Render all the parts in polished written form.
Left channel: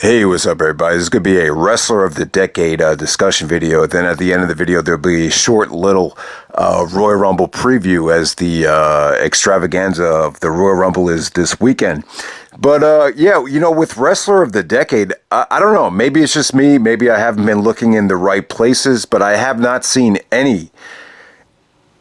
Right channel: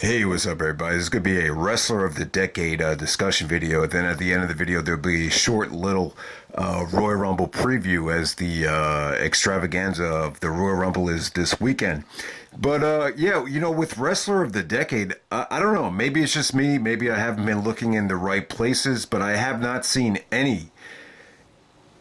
Hey, what's up, everybody? This is going to be a Wrestler of the Decade discussion video. Then at the end of the video, there'll be a short little Royal Rumble preview as the extravaganza of the Royal Rumble is this weekend. But yeah, with Wrestler of the Decade, I don't know. Maybe it's just me. Maybe I haven't been looking in the right places, but I have not seen any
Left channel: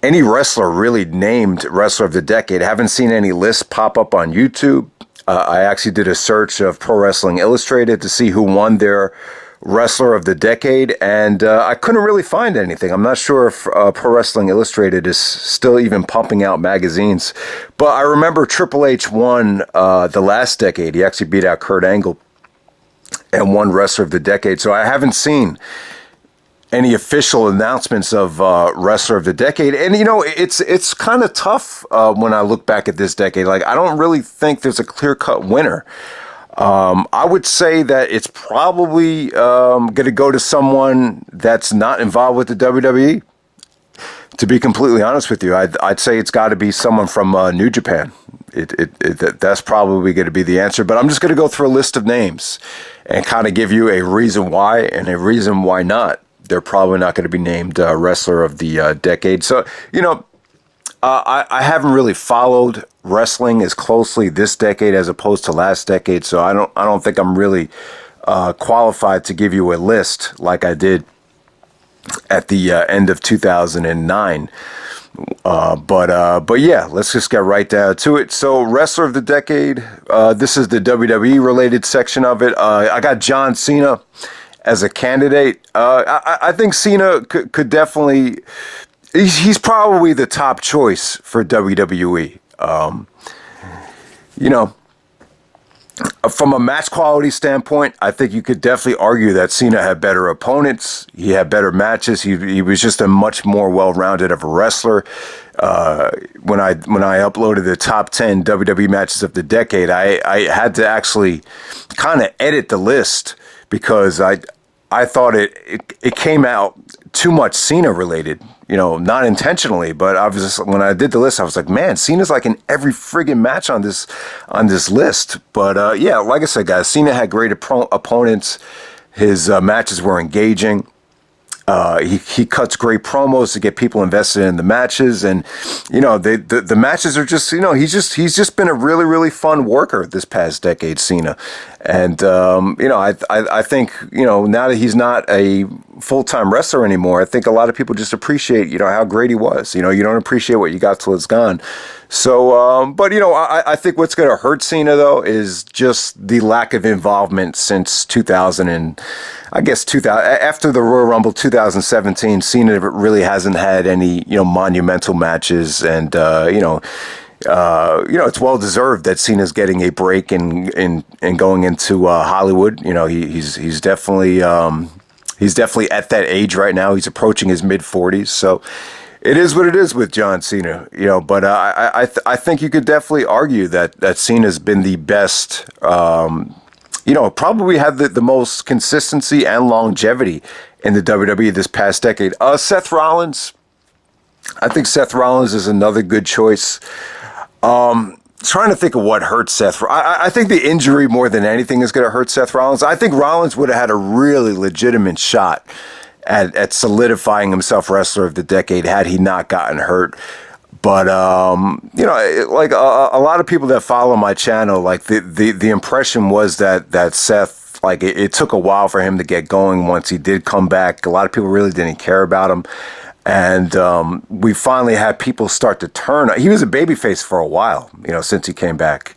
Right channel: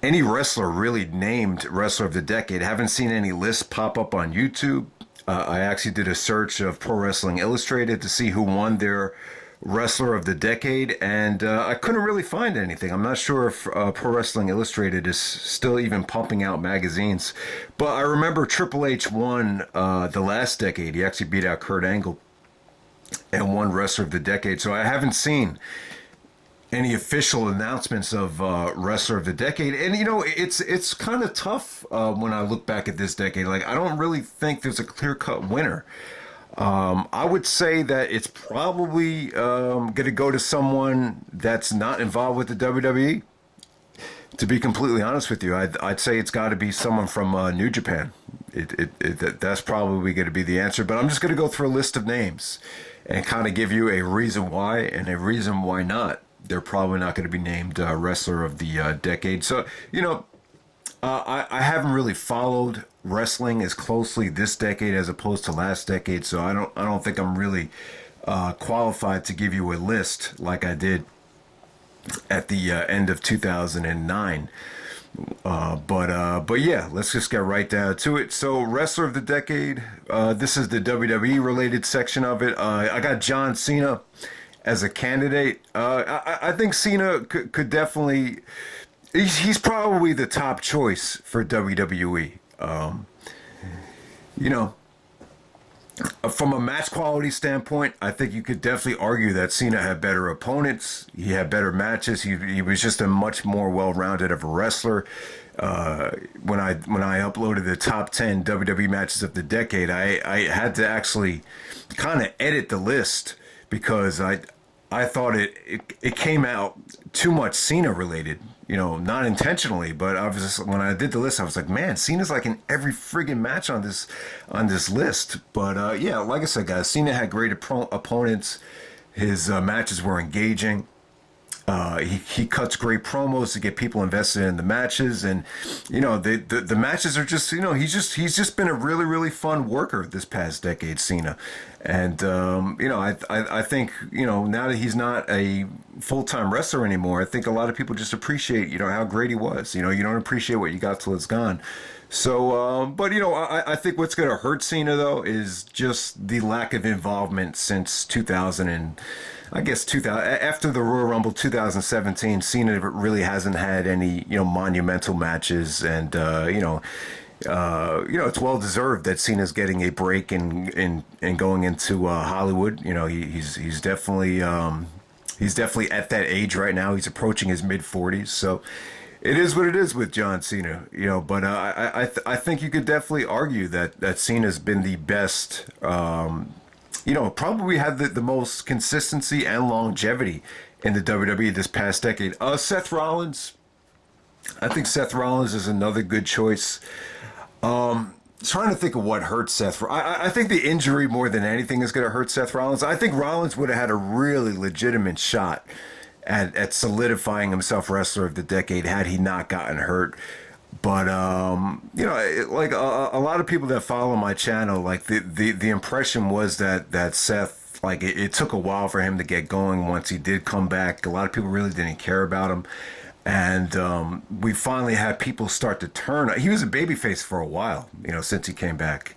wrestler really named Wrestler of the Decade. I haven't seen any lists pop up on YouTube. I actually did a search of Pro Wrestling Illustrated to see who won their Wrestler of the Decade, and I couldn't really find anything. I'm not sure if Pro Wrestling Illustrated is still even pumping out magazines, but I remember Triple H won the last decade. He actually beat out Kurt Angle and won Wrestler of the Decade, so I haven't seen any official announcements of Wrestler of the Decade. And, it's kind of tough when I look back at this decade. Like, I don't really think there's a clear-cut winner. I would say that it's probably going to go to someone that's not involved with the WWE. To be completely honest with you, I'd say it's got to be someone from New Japan. That's probably going to be the answer. But I'm just going to go through a list of names and kind of give you a reason why and a reason why not. They're probably not going to be named Wrestler of the Decade. So, I haven't really followed wrestling as closely this decade as opposed to last decade. So I don't think I'm really qualified to give you a list like I did at the end of 2009. But yeah, let's just get right down to it. So Wrestler of the Decade, this is the WWE related section of it. I got John Cena as a candidate. I think Cena could definitely, he's probably the top choice for WWE. From a match quality standpoint, I think you could definitely argue that Cena had better opponents. He had better matches. He was just a much more well-rounded of a wrestler. When I uploaded the top 10 WWE matches of the decade, I had to actually kind of edit the list because I thought it came out too much Cena related, not intentionally, but I was just, when I did the list, I was like, man, Cena's like in every friggin' match on this list. But yeah, like I said, guys, Cena had great opponents. His matches were engaging. He cuts great promos to get people invested in the matches, and the matches are just he's just been a really, really fun worker this past decade, Cena. And I think now that he's not a full-time wrestler anymore, I think a lot of people just appreciate how great he was. You don't appreciate what you got till it's gone. So, but I think what's going to hurt Cena though is just the lack of involvement since 2000 and I guess 2000 after the Royal Rumble 2017. Cena really hasn't had any monumental matches, and it's well deserved that Cena's getting a break and going into Hollywood. He's definitely at that age right now. He's approaching his mid-40s, so it is what it is with John Cena. But I think you could definitely argue that Cena's been the best. Probably had the most consistency and longevity in the WWE this past decade. Seth Rollins. I think Seth Rollins is another good choice. Trying to think of what hurt Seth. I think the injury more than anything is going to hurt Seth Rollins. I think Rollins would have had a really legitimate shot at solidifying himself Wrestler of the Decade had he not gotten hurt. But like a lot of people that follow my channel, like the impression was that Seth, like it took a while for him to get going. Once he did come back, a lot of people really didn't care about him. And we finally had people start to turn. He was a babyface for a while, since he came back.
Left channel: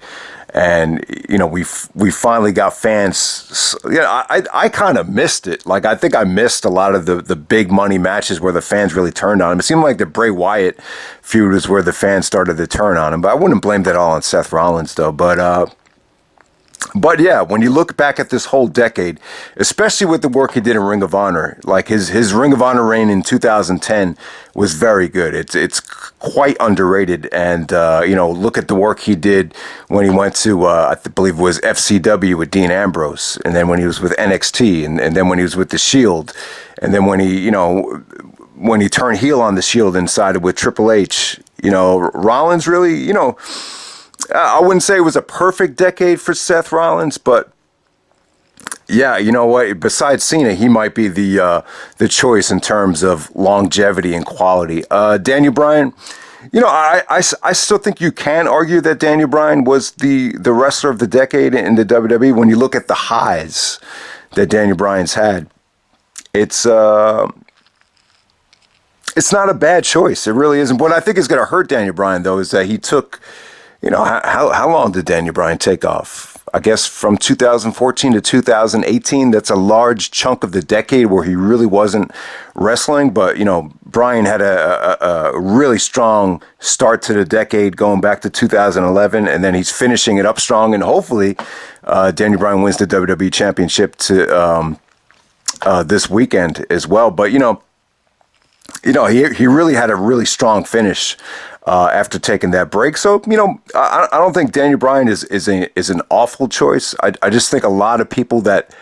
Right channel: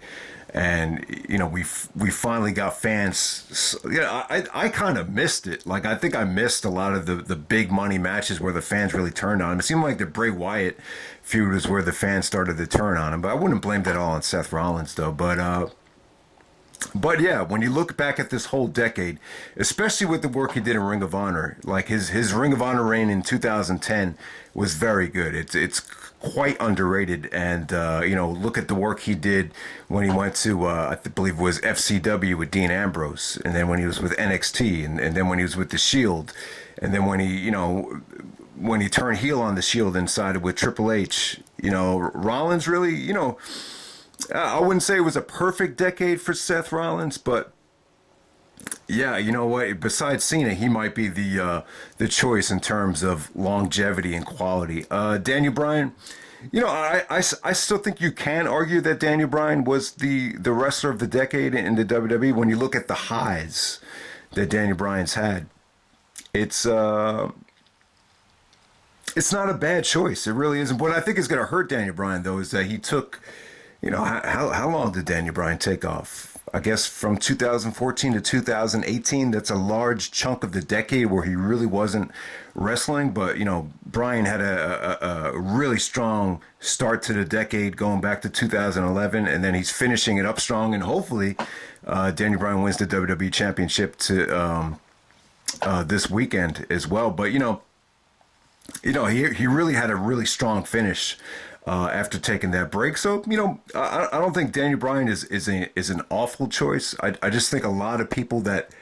And, we finally got fans. I kind of missed it. Like, I think I missed a lot of the big money matches where the fans really turned on him. It seemed like the Bray Wyatt feud was where the fans started to turn on him. But I wouldn't blame that all on Seth Rollins, though. But yeah, when you look back at this whole decade, especially with the work he did in Ring of Honor, like his Ring of Honor reign in 2010 was very good. It's quite underrated. And, look at the work he did when he went to, I believe it was FCW with Dean Ambrose. And then when he was with NXT, and then when he was with The Shield. And then when he turned heel on The Shield and sided with Triple H, Rollins really, I wouldn't say it was a perfect decade for Seth Rollins, but Yeah, you know what? Besides Cena, he might be the choice in terms of longevity and quality. Daniel Bryan, I still think you can argue that Daniel Bryan was the wrestler of the decade in the WWE. When you look at the highs that Daniel Bryan's had, it's it's not a bad choice. It really isn't. What I think is going to hurt Daniel Bryan, though, is that he took, how long did Daniel Bryan take off? I guess from 2014 to 2018, that's a large chunk of the decade where he really wasn't wrestling. But, Bryan had a really strong start to the decade going back to 2011, and then he's finishing it up strong. And hopefully, Daniel Bryan wins the WWE Championship to this weekend as well. But, he really had a really strong finish after taking that break. So, I don't think Daniel Bryan is an awful choice. I just think a lot of people that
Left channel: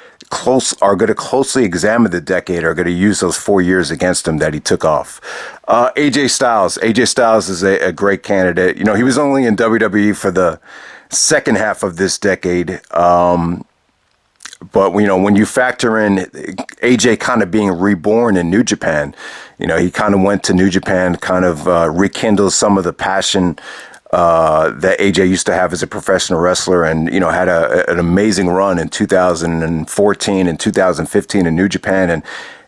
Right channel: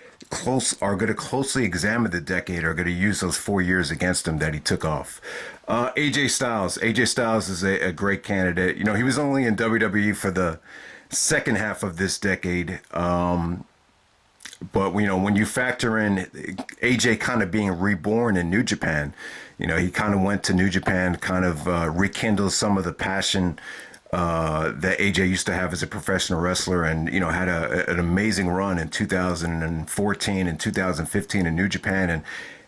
are going to closely examine the decade are going to use those 4 years against him that he took off. AJ Styles. AJ Styles is a great candidate. He was only in WWE for the second half of this decade. But, when you factor in AJ kind of being reborn in New Japan, he kind of went to New Japan, kind of rekindled some of the passion that AJ used to have as a professional wrestler, and, had an amazing run in 2014 and 2015 in New Japan. And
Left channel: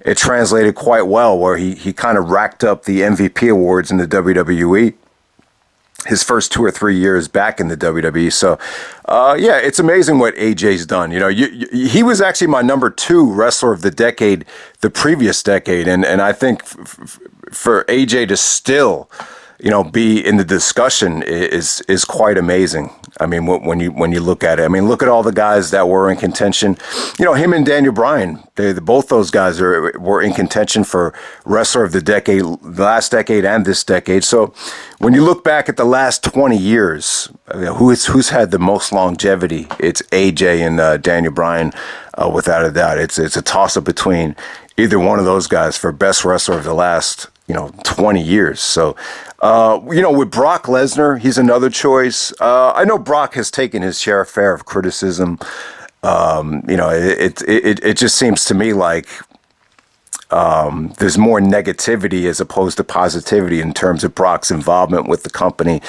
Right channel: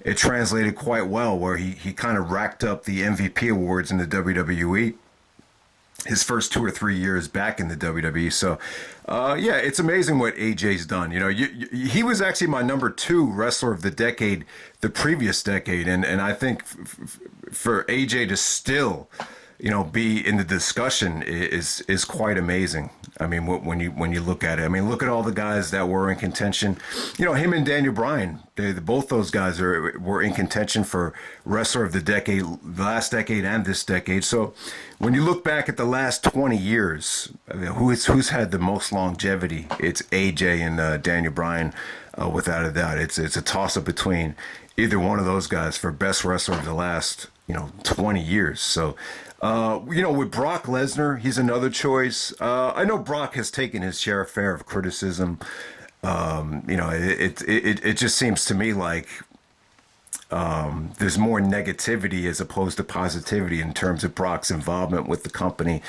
it translated quite well, where he kind of racked up the MVP awards in the WWE his first 2 or 3 years back in the WWE. So, it's amazing what AJ's done. He was actually my number 2 wrestler of the decade, the previous decade. And I think for AJ to still, be in the discussion is quite amazing. I mean, when you look at it, I mean, look at all the guys that were in contention. Him and Daniel Bryan, both those guys were in contention for wrestler of the decade, last decade and this decade. So when you look back at the last 20 years, who's had the most longevity? It's AJ and Daniel Bryan, without a doubt. It's a toss-up between either one of those guys for best wrestler of the last 20 years. So, with Brock Lesnar, he's another choice. I know Brock has taken his share of criticism. It just seems to me like there's more negativity as opposed to positivity in terms of Brock's involvement with the company.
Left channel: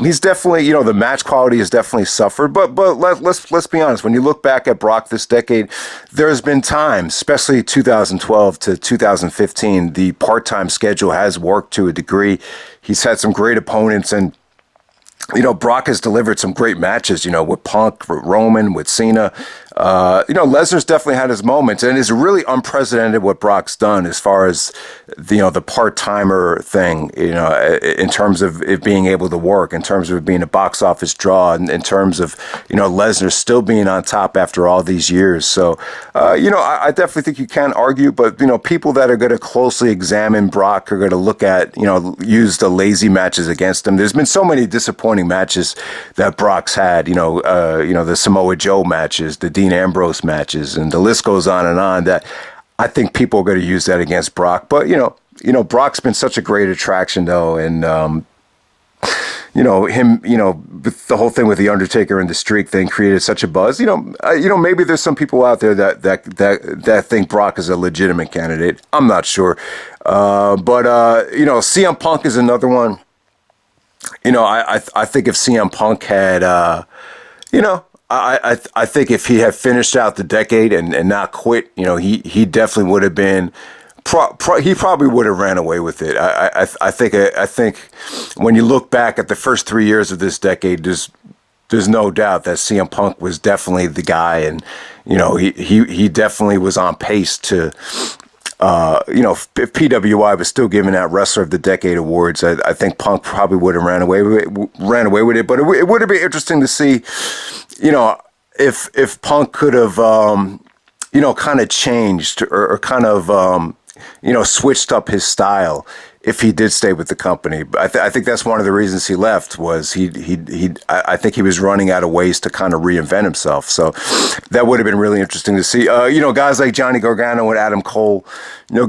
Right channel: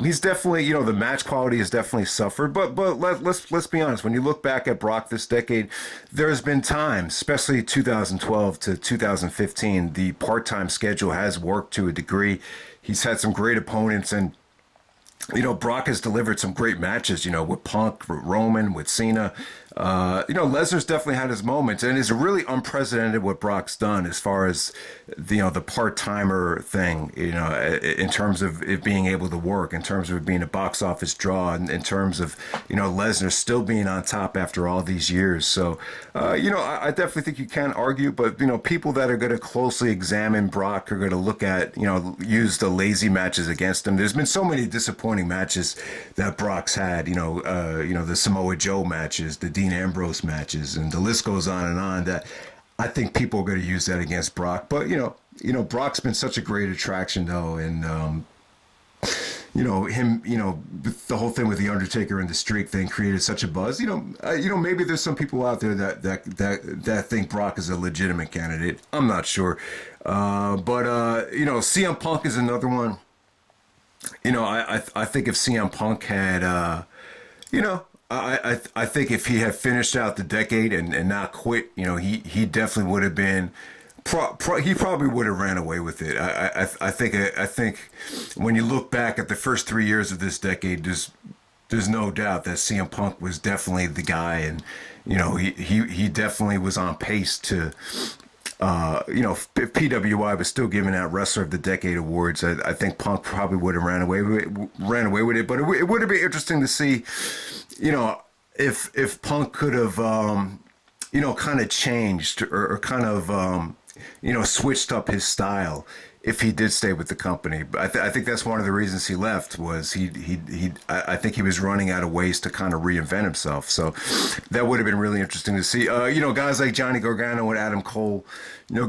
He's definitely, the match quality has definitely suffered. But let's be honest. When you look back at Brock this decade, there's been times, especially 2012 to 2015, the part-time schedule has worked to a degree. He's had some great opponents, and Brock has delivered some great matches, with Punk, with Roman, with Cena. Lesnar's definitely had his moments, and it's really unprecedented what Brock's done as far as, the part-timer thing, in terms of it being able to work, in terms of it being a box office draw, and in terms of, Lesnar still being on top after all these years. So, I definitely think you can argue, but, people that are going to closely examine Brock are going to look at, use the lazy matches against him. There's been so many disappointing matches that Brock's had, the Samoa Joe matches, the Dean Ambrose matches, and the list goes on, that I think people are going to use that against Brock. But, Brock's been such a great attraction, though. And, him, the whole thing with The Undertaker and the streak thing created such a buzz. Maybe there's some people out there that think Brock is a legitimate candidate. I'm not sure. But CM Punk is another one. I think if CM Punk had, I think if he had finished out the decade and not quit, he definitely would have been. He probably would have ran away with it. I think when you look back at the first 3 years of this decade, there's no doubt that CM Punk was definitely the guy, and he definitely was on pace to. If PWI was still giving out Wrestler of the Decade awards, I think Punk probably would have ran away with it. But it would have been interesting to see, if Punk could have, kind of changed or kind of, switched up his style if he did stay with the company. I think that's one of the reasons he left was I think he was running out of ways to kind of reinvent himself. So that would have been really interesting to see. Guys like Johnny Gargano and Adam Cole.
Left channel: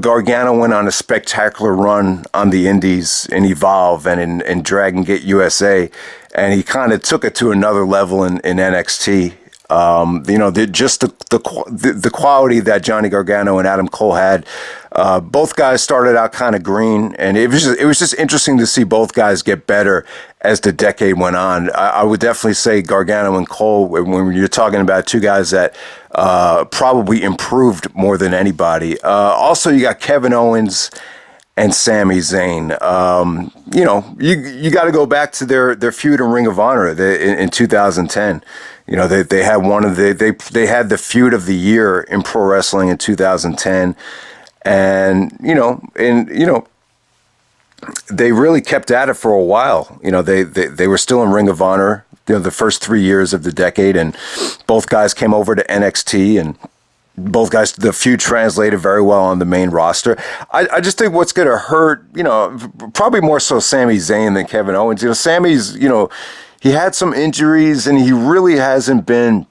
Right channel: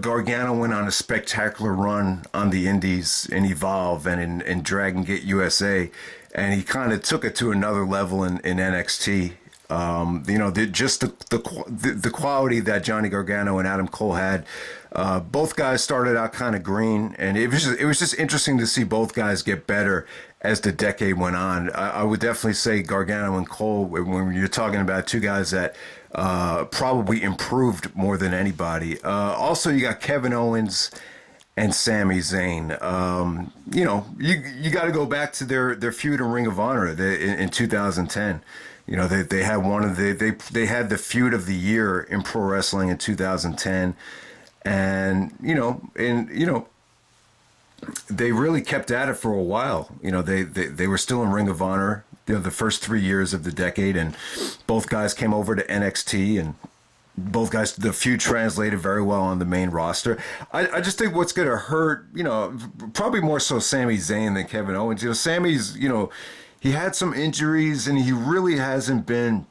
Gargano went on a spectacular run on the Indies in Evolve and in Dragon Gate USA, and he kind of took it to another level in NXT. Just the quality that Johnny Gargano and Adam Cole had. Both guys started out kind of green, and it was just interesting to see both guys get better as the decade went on. I would definitely say Gargano and Cole, when you're talking about two guys that probably improved more than anybody. Also, you got Kevin Owens and Sami Zayn. You got to go back to their feud in Ring of Honor in 2010. They had they had the feud of the year in pro wrestling in 2010, and they really kept at it for a while. They were still in Ring of Honor, the first 3 years of the decade, and both guys came over to NXT, and both guys, the feud translated very well on the main roster. I just think what's going to hurt, probably more so Sami Zayn than Kevin Owens. Sammy's, he had some injuries, and he really hasn't been,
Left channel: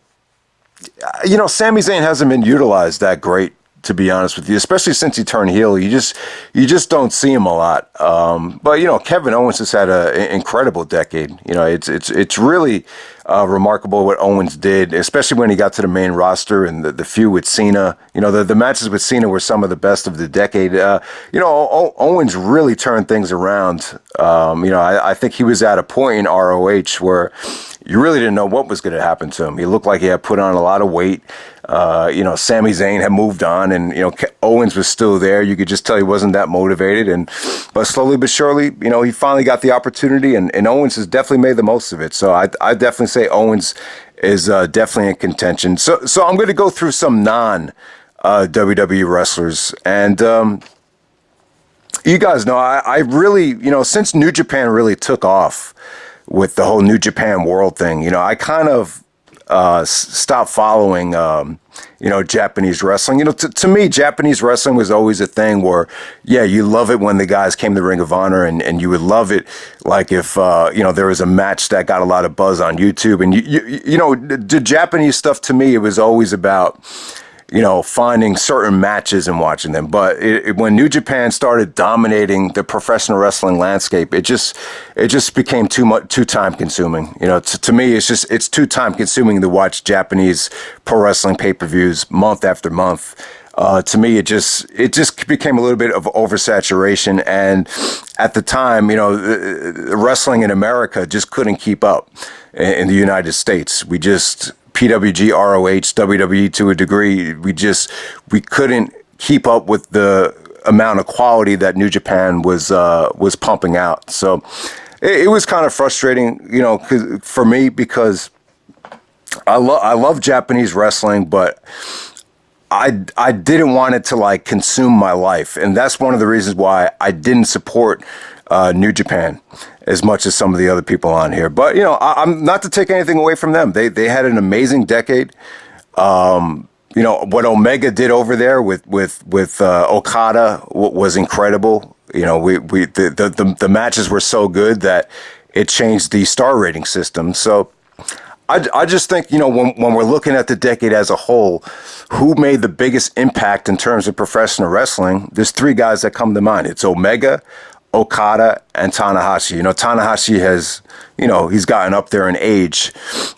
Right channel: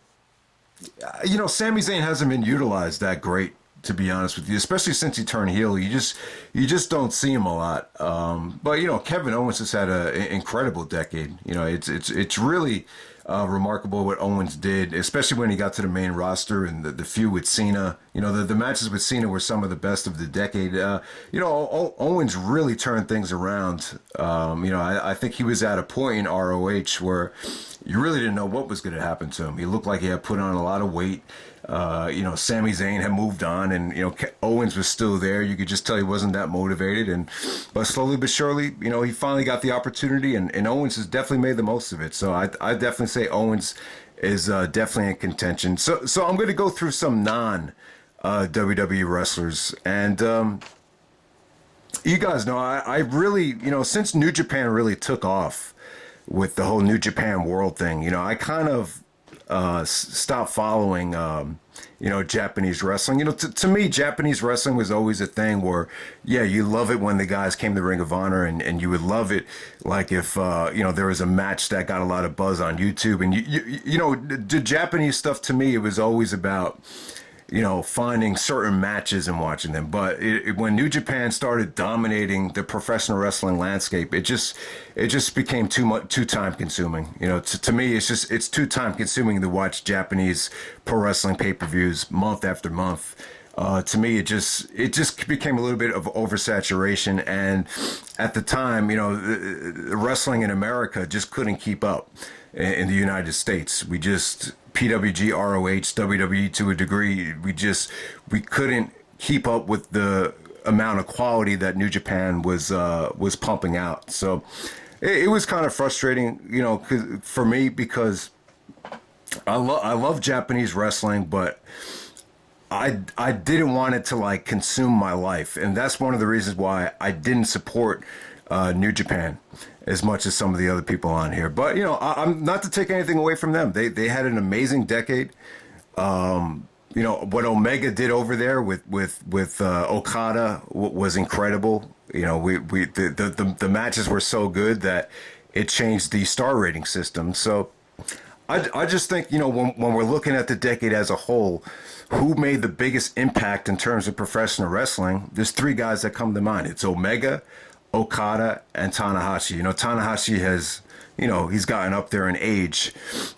Sami Zayn hasn't been utilized that great, to be honest with you, especially since he turned heel. You just don't see him a lot. But Kevin Owens has had an incredible decade. It's really remarkable what Owens did, especially when he got to the main roster and the feud with Cena. The matches with Cena were some of the best of the decade. Owens really turned things around. I think he was at a point in ROH where you really didn't know what was going to happen to him. He looked like he had put on a lot of weight. Sami Zayn had moved on, and Owens was still there. You could just tell he wasn't that motivated, but slowly but surely, he finally got the opportunity, and Owens has definitely made the most of it. So I definitely say Owens is definitely in contention. So I'm going to go through some non WWE wrestlers, and you guys know I really, since New Japan really took off with the whole New Japan World thing, I kind of stopped following, Japanese wrestling. To me, Japanese wrestling was always a thing where, you love it when the guys came to Ring of Honor, and you would love it like if, there was a match that got a lot of buzz on YouTube. And, the Japanese stuff, to me, it was always about, finding certain matches and watching them. But when New Japan started dominating the professional wrestling landscape, it just became too time consuming. To me, it's too time consuming to watch Japanese pro wrestling pay-per-views month after month. To me, it just became a little bit of oversaturation. And at the time, wrestling in America just couldn't keep up in the United States. PWG, ROH, WWE to a degree, we couldn't keep up with the amount of quality that New Japan was pumping out. So it was kind of frustrating, for me, because I love Japanese wrestling, but I didn't want it to consume my life, and that's one of the reasons why I didn't support New Japan as much as some of the other people on here. But I'm not to take anything away from them. They had an amazing decade. What Omega did over there with Okada was incredible. The matches were so good that it changed the star rating system. So I just think when we're looking at the decade as a whole, who made the biggest impact in terms of professional wrestling? There's three guys that come to mind. It's Omega, Okada, and Tanahashi. Tanahashi has, he's gotten up there in age,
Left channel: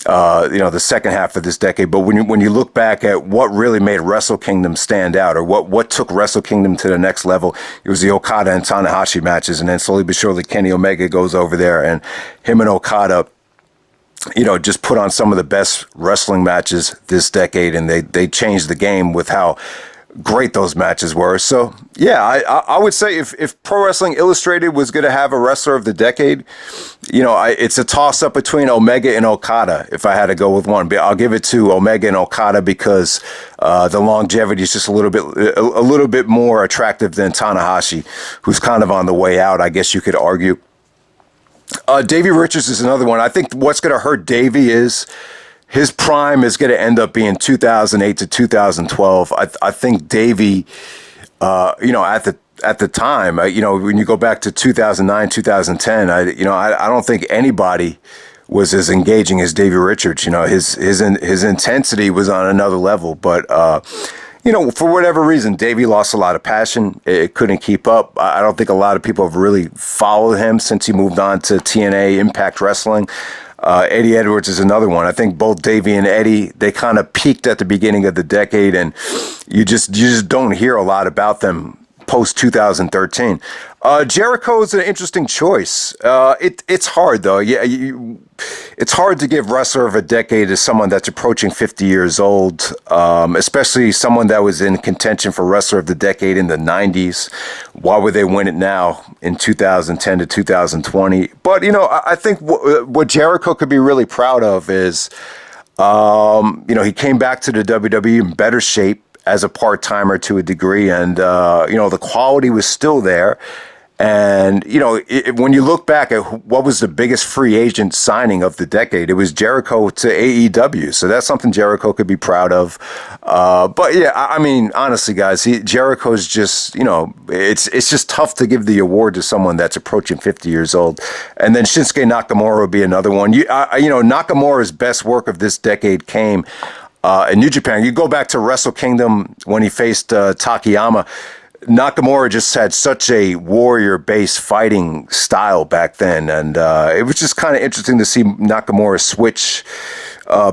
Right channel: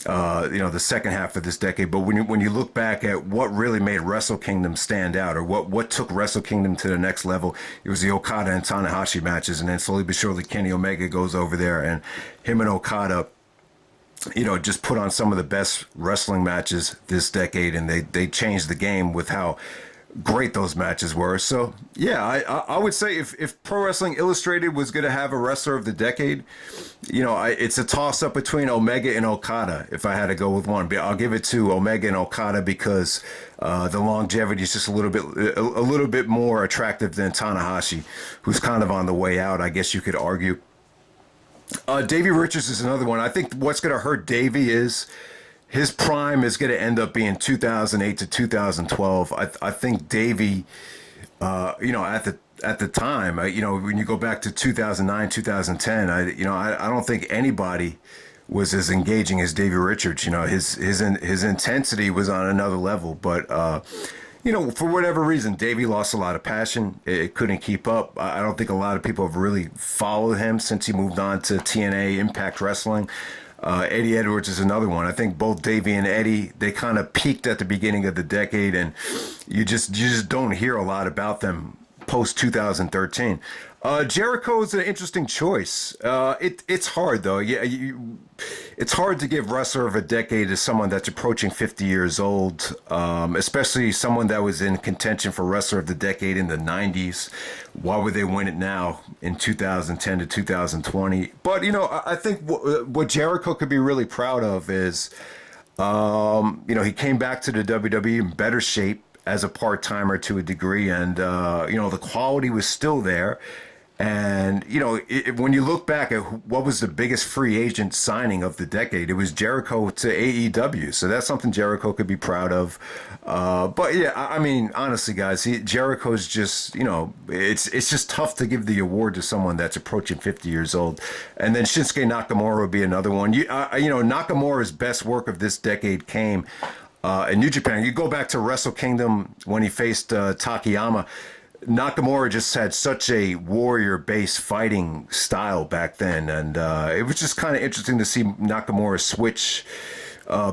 the second half of this decade. But when you look back at what really made Wrestle Kingdom stand out, or what took Wrestle Kingdom to the next level, it was the Okada and Tanahashi matches. And then slowly but surely, Kenny Omega goes over there, and him and Okada, just put on some of the best wrestling matches this decade, and they changed the game with how great those matches were. So I would say if Pro Wrestling Illustrated was going to have a wrestler of the decade, it's a toss up between Omega and Okada. If I had to go with one, but I'll give it to Omega and Okada because the longevity is just a little bit more attractive than Tanahashi, who's kind of on the way out, I guess you could argue. Davey Richards is another one. I think what's going to hurt Davey is his prime is going to end up being 2008 to 2012. I think Davey, at the time, when you go back to 2009, 2010, I don't think anybody was as engaging as Davey Richards. His intensity was on another level, but for whatever reason, Davey lost a lot of passion. It couldn't keep up. I don't think a lot of people have really followed him since he moved on to TNA Impact Wrestling. Eddie Edwards is another one. I think both Davey and Eddie, they kind of peaked at the beginning of the decade, and you just don't hear a lot about them post 2013. Jericho is an interesting choice. It's hard though. Yeah, it's hard to give wrestler of a decade to someone that's approaching 50 years old, especially someone that was in contention for wrestler of the decade in the 90s. Why would they win it now in 2010 to 2020? But I think what Jericho could be really proud of is, he came back to the WWE in better shape as a part-timer to a degree, and the quality was still there. And when you look back at what was the biggest free agent signing of the decade, it was Jericho to AEW. So that's something Jericho could be proud of. But yeah, I mean, honestly, guys, Jericho's just it's just tough to give the award to someone that's approaching 50 years old. And then Shinsuke Nakamura would be another one. Nakamura's best work of this decade came in New Japan. You go back to Wrestle Kingdom when he faced Takayama. Nakamura just had such a warrior-based fighting style back then, and it was just kind of interesting to see Nakamura switch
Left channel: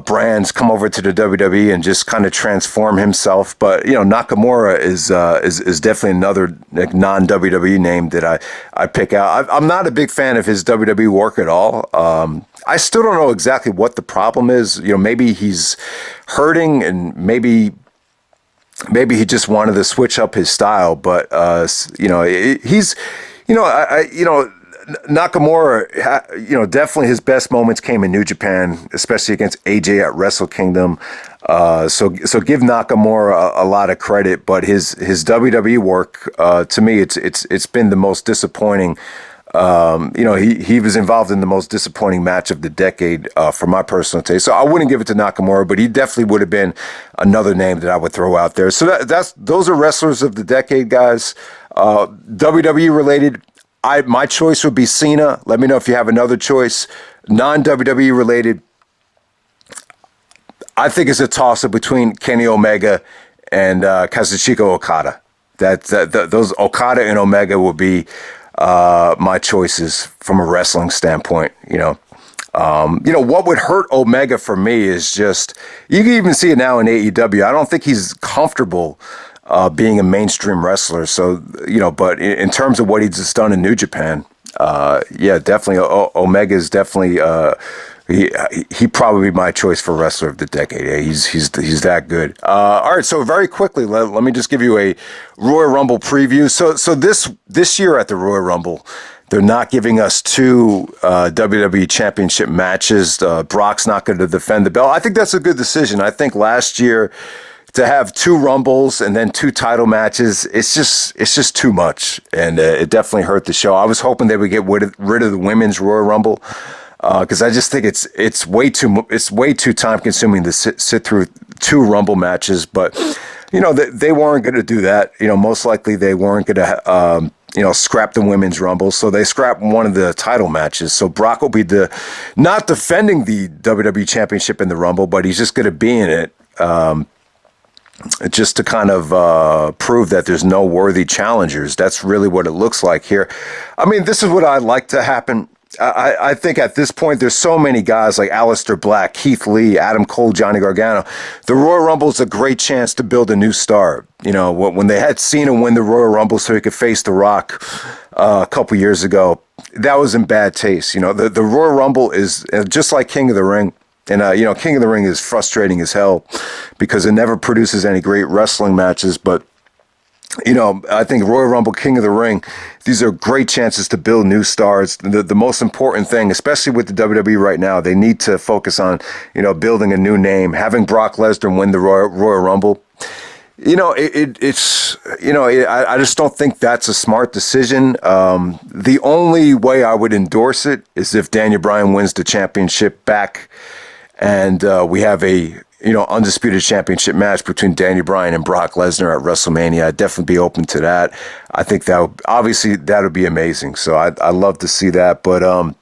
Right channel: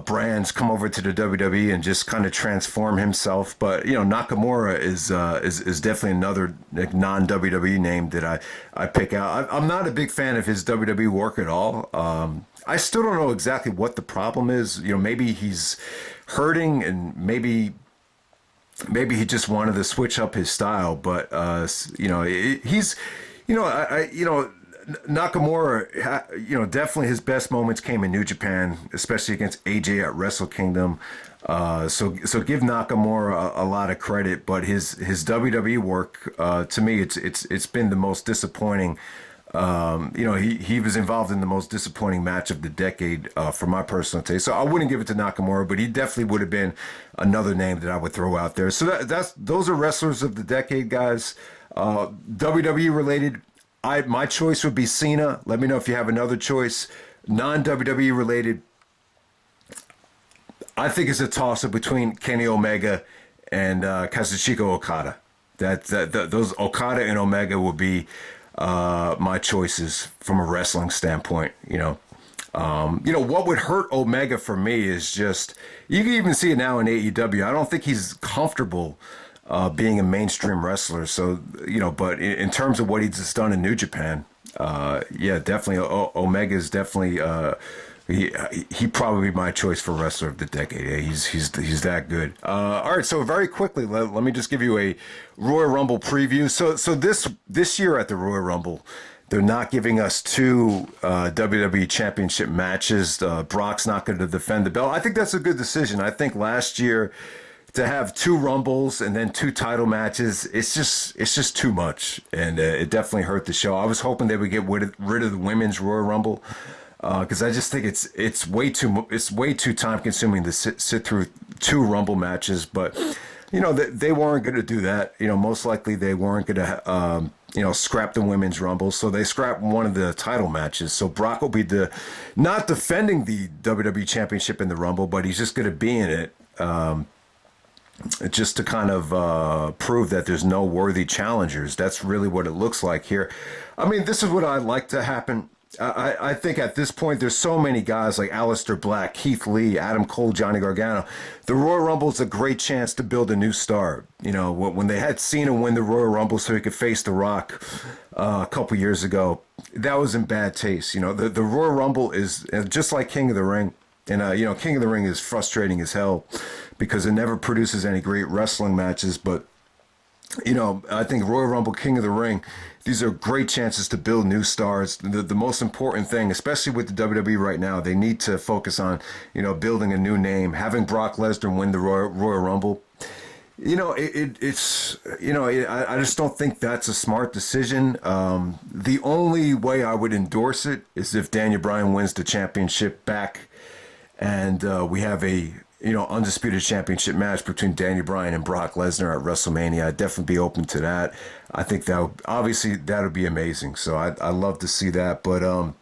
brands, come over to the WWE, and just kind of transform himself. But Nakamura is definitely another non-WWE name that I pick out. I'm not a big fan of his WWE work at all. I still don't know exactly what the problem is. Maybe he's hurting, and maybe he just wanted to switch up his style, but Nakamura, definitely his best moments came in New Japan, especially against AJ at Wrestle Kingdom. So give Nakamura a lot of credit, but his WWE work, to me, it's been the most disappointing. He was involved in the most disappointing match of the decade, for my personal taste. So I wouldn't give it to Nakamura, but he definitely would have been another name that I would throw out there. So those are wrestlers of the decade, guys. WWE related, my choice would be Cena. Let me know if you have another choice. Non-WWE related, I think it's a toss-up between Kenny Omega and Kazuchika Okada. Those Okada and Omega will be my choices from a wrestling standpoint. What would hurt Omega for me is just, you can even see it now in AEW. I don't think he's comfortable being a mainstream wrestler. So, but in terms of what he's just done in New Japan, definitely Omega is definitely he probably be my choice for wrestler of the decade. Yeah, he's that good. All right, so very quickly, let me just give you a Royal Rumble preview. So this year at the Royal Rumble, they're not giving us two WWE Championship matches. Brock's not going to defend the belt. I think that's a good decision. I think last year to have two Rumbles and then two title matches, it's just too much, and it definitely hurt the show. I was hoping they would get rid of the women's Royal Rumble, because I just think it's way too time consuming to sit through two Rumble matches. But they weren't going to do that. Most likely they weren't going to scrap the women's Rumble, so they scrapped one of the title matches. So Brock will be not defending the WWE Championship in the Rumble, but he's just going to be in it. Just to kind of prove that there's no worthy challengers. That's really what it looks like here. I mean, this is what I'd like to happen. I think at this point, there's so many guys like Aleister Black, Keith Lee, Adam Cole, Johnny Gargano. The Royal Rumble is a great chance to build a new star. When they had Cena win the Royal Rumble so he could face The Rock a couple years ago, that was in bad taste. The Royal Rumble is just like King of the Ring. And, King of the Ring is frustrating as hell because it never produces any great wrestling matches. But, I think Royal Rumble, King of the Ring, these are great chances to build new stars. The most important thing, especially with the WWE right now, they need to focus on, building a new name. Having Brock Lesnar win the Royal Rumble, I just don't think that's a smart decision. The only way I would endorse it is if Daniel Bryan wins the championship back, and we have a undisputed championship match between Daniel Bryan and Brock Lesnar at WrestleMania. I'd definitely be open to that. I think that would be amazing. So I'd love to see that. But I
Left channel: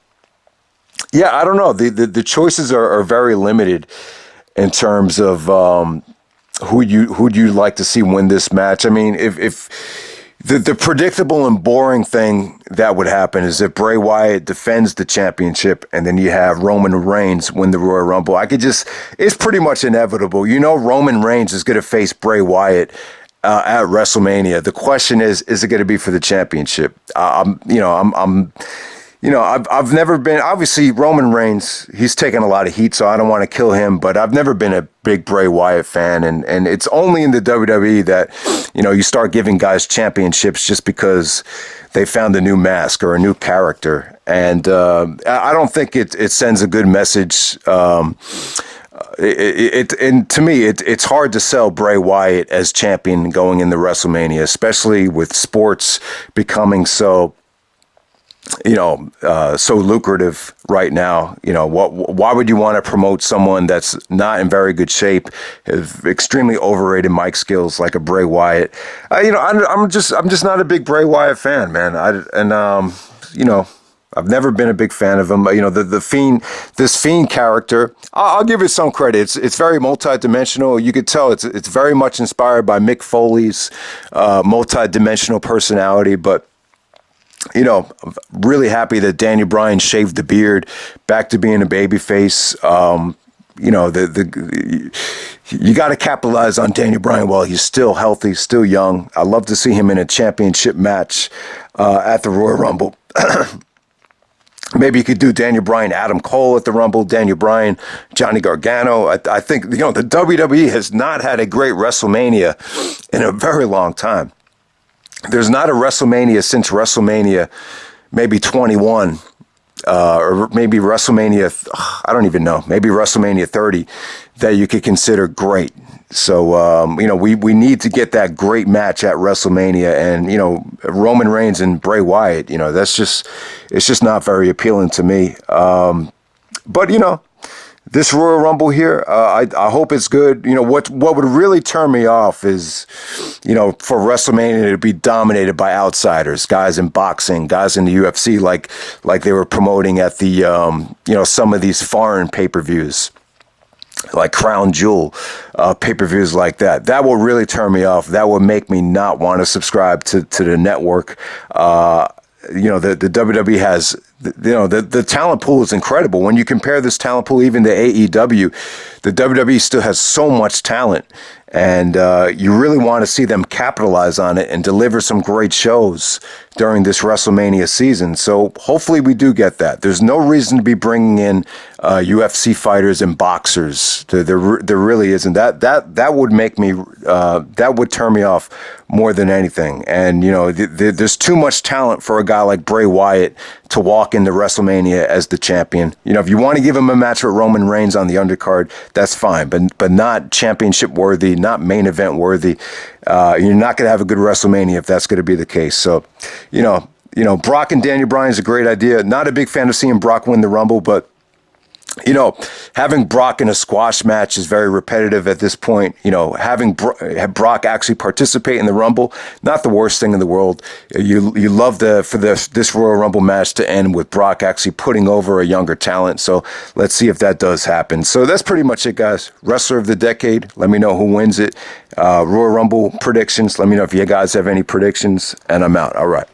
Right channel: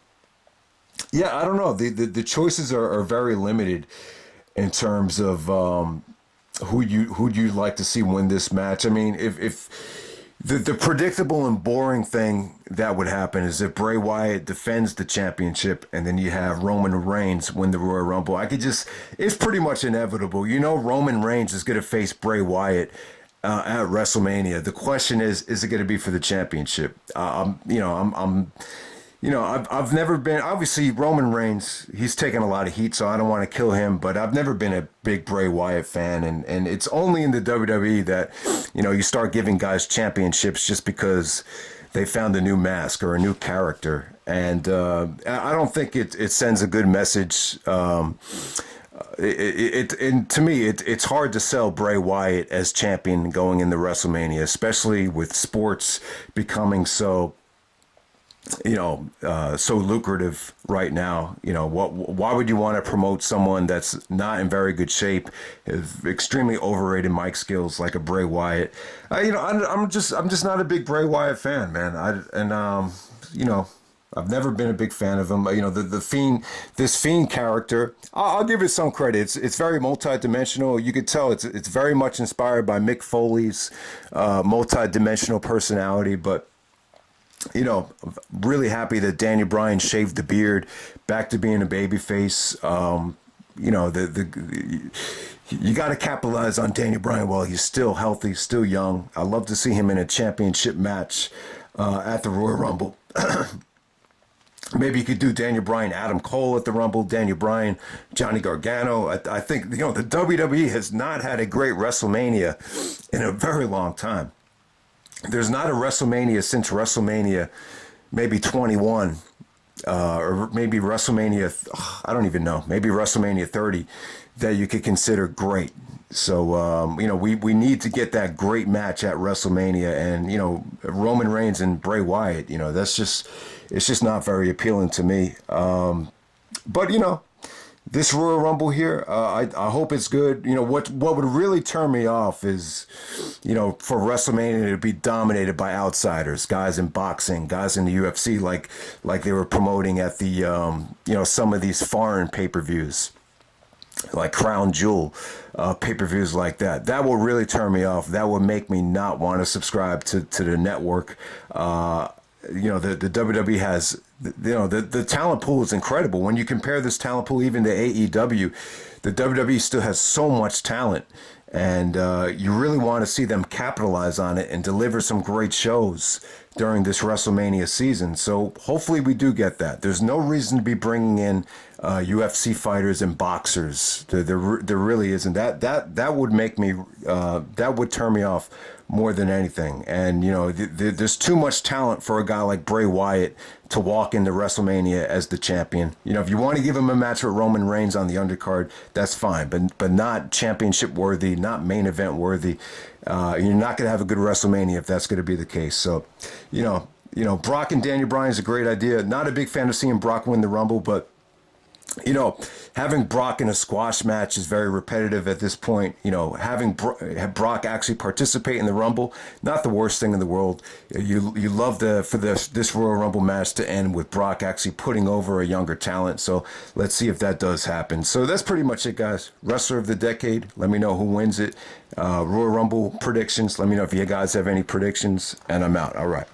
don't know. The choices are very limited in terms of who you'd like to see win this match. I mean, if The predictable and boring thing that would happen is if Bray Wyatt defends the championship and then you have Roman Reigns win the Royal Rumble. It's pretty much inevitable. You know, Roman Reigns is going to face Bray Wyatt at WrestleMania. The question is it going to be for the championship? I've never been, obviously Roman Reigns, he's taken a lot of heat, so I don't want to kill him, but I've never been a big Bray Wyatt fan. And it's only in the WWE that, you start giving guys championships just because they found a new mask or a new character. And I don't think it sends a good message. And to me, it's hard to sell Bray Wyatt as champion going into WrestleMania, especially with sports becoming so lucrative right now. Why would you want to promote someone that's not in very good shape, have extremely overrated mic skills like a Bray Wyatt? I'm just not a big Bray Wyatt fan, man. I've never been a big fan of him. This Fiend character, I'll give it some credit. It's very multidimensional. You could tell it's very much inspired by Mick Foley's multidimensional personality, but I'm really happy that Daniel Bryan shaved the beard, back to being a babyface. You got to capitalize on Daniel Bryan while he's still healthy, still young. I love to see him in a championship match at the Royal Rumble. Maybe you could do Daniel Bryan, Adam Cole at the Rumble, Daniel Bryan, Johnny Gargano. I think, the WWE has not had a great WrestleMania in a very long time. There's not a WrestleMania since WrestleMania maybe 21 or maybe WrestleMania, I don't even know, maybe WrestleMania 30 that you could consider great. So, we need to get that great match at WrestleMania, and, Roman Reigns and Bray Wyatt, it's just not very appealing to me. But, this Royal Rumble here, I hope it's good. What would really turn me off is, for WrestleMania to be dominated by outsiders, guys in boxing, guys in the UFC, like they were promoting at the, some of these foreign pay-per-views, like Crown Jewel pay-per-views like that. That will really turn me off. That will make me not want to subscribe to the network. The WWE has, the talent pool is incredible. When you compare this talent pool even to AEW, the WWE still has so much talent, and you really want to see them capitalize on it and deliver some great shows during this WrestleMania season. So hopefully we do get that. There's no reason to be bringing in UFC fighters and boxers. There really isn't. That would make me, that would turn me off more than anything. And, there's too much talent for a guy like Bray Wyatt to walk into WrestleMania as the champion. If you want to give him a match with Roman Reigns on the undercard, that's fine, but not championship worthy, not main event worthy. You're not going to have a good WrestleMania if that's going to be the case. So, Brock and Daniel Bryan is a great idea. Not a big fan of seeing Brock win the Rumble, but having Brock in a squash match is very repetitive at this point. Having have Brock actually participate in the Rumble, not the worst thing in the world. You love this Royal Rumble match to end with Brock actually putting over a younger talent. So let's see if that does happen. So that's pretty much it, guys. Wrestler of the Decade. Let me know who wins it. Royal Rumble predictions. Let me know if you guys have any predictions, and I'm out. All right.